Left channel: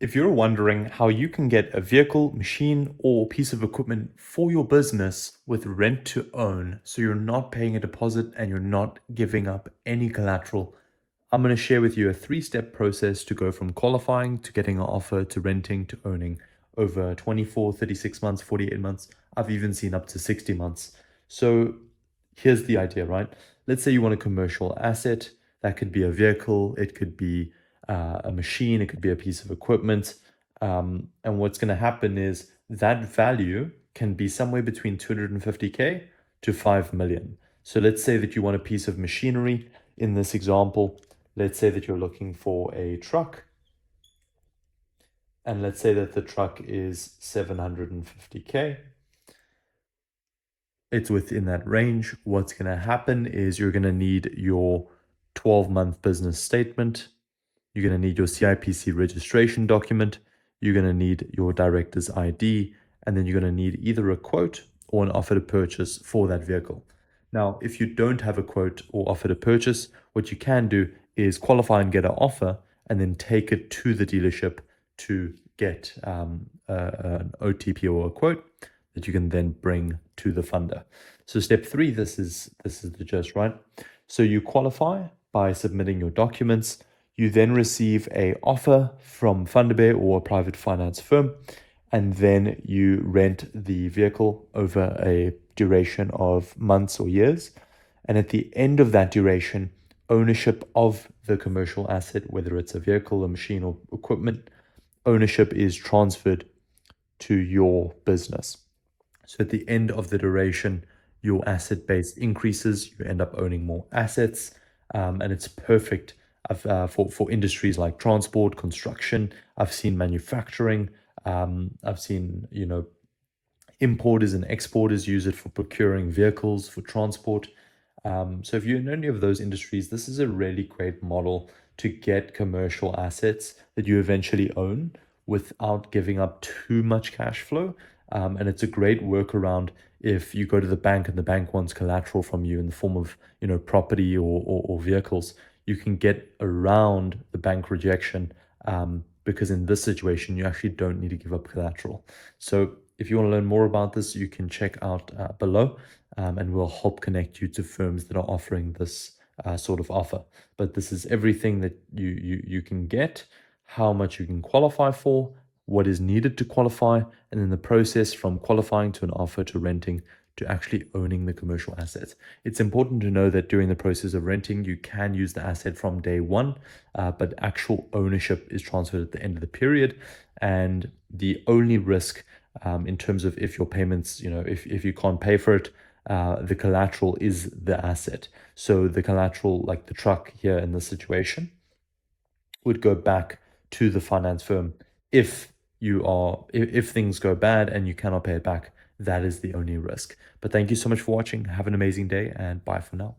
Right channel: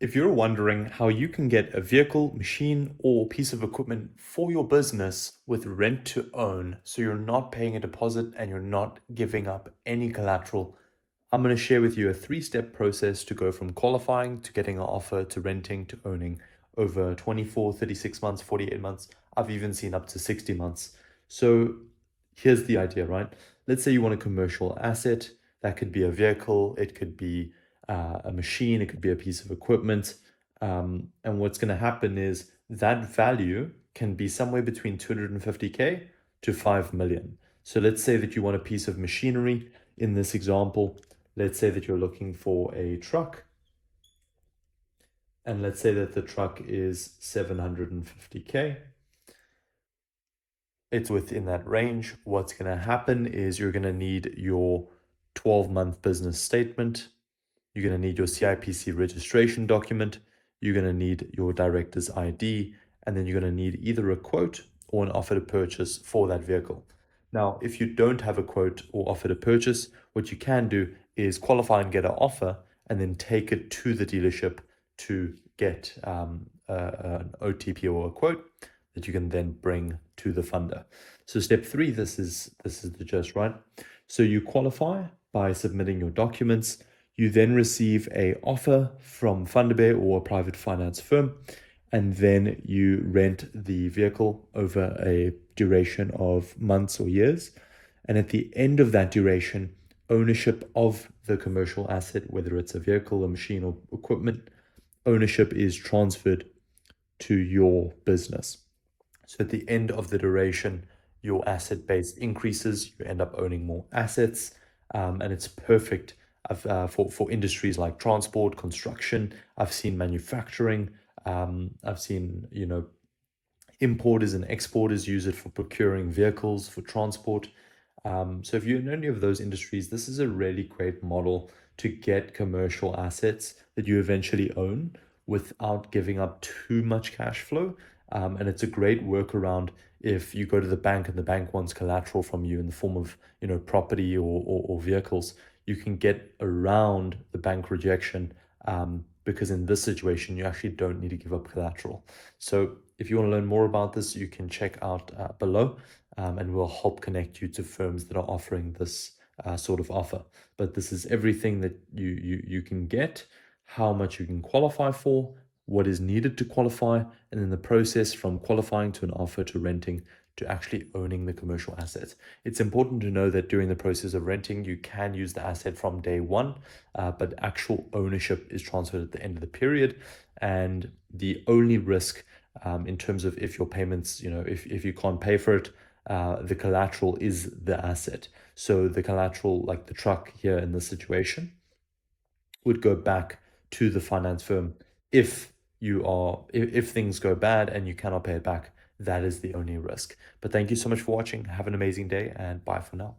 If you're wondering how you can get a vehicle, machine, or piece of equipment for your business with rent to own, so you're not paying a deposit and you're not giving up any collateral, I'm going to share with you a 3-step process to go from qualifying to getting an offer to renting to owning over 24, 36 months, 48 months. I've even seen up to 60 months. So here's the idea, right? Let's say you want a commercial asset. That could be a vehicle, it could be a machine, it could be a piece of equipment. And what's going to happen is that value can be somewhere between 250K to 5 million. So let's say that you want a piece of machinery. In this example, let's say that you're looking for a truck, and let's say that the truck is 750K. It's within that range. What's going to happen is you're going to need your 12-month business statement. You're going to need your CIPC registration document. You're going to need your director's ID, and then you're going to need either a quote or an offer to purchase for that vehicle. Now, if you don't have a quote or offer to purchase, what you can do is qualify and get an offer and then take it to the dealership to get an OTP or a quote that you can then bring to the funder. So step 3, this is the gist, right? So you qualify by submitting your documents. You then receive a offer from Funderbear or a private finance firm, and then you rent the vehicle over a duration of months or years. And at the end of that duration, ownership of the commercial asset, whether it's a vehicle, a machine, or equipment, ownership is transferred to your business. So at the end of the duration, your asset base increases, you end up owning more assets, and it's perfect for industries like transport, construction. I've seen manufacturing. I've seen, importers and exporters use it for procuring vehicles for transport. So if you're in any of those industries, this is a really great model to get commercial assets that you eventually own without giving up too much cash flow. And it's a great workaround if you go to the bank and the bank wants collateral from you in the form of, property or vehicles. You can get around the bank rejection, because in this situation, you actually don't need to give up collateral. So if you want to learn more about this, you can check out below, and we'll help connect you to firms that are offering this sort of offer. But this is everything that you can get, how much you can qualify for, what is needed to qualify, and then the process from qualifying to an offer to renting to actually owning the commercial assets. It's important to know that during the process of renting, you can use the asset from day one, but actual ownership is transferred at the end of the period. And the only risk, in terms of if your payments, if you can't pay for it, the collateral is the asset. So the collateral, like the truck here in this situation, would go back to the finance firm if if things go bad and you cannot pay it back. That is the only risk. But thank you so much for watching. Have an amazing day, and bye for now.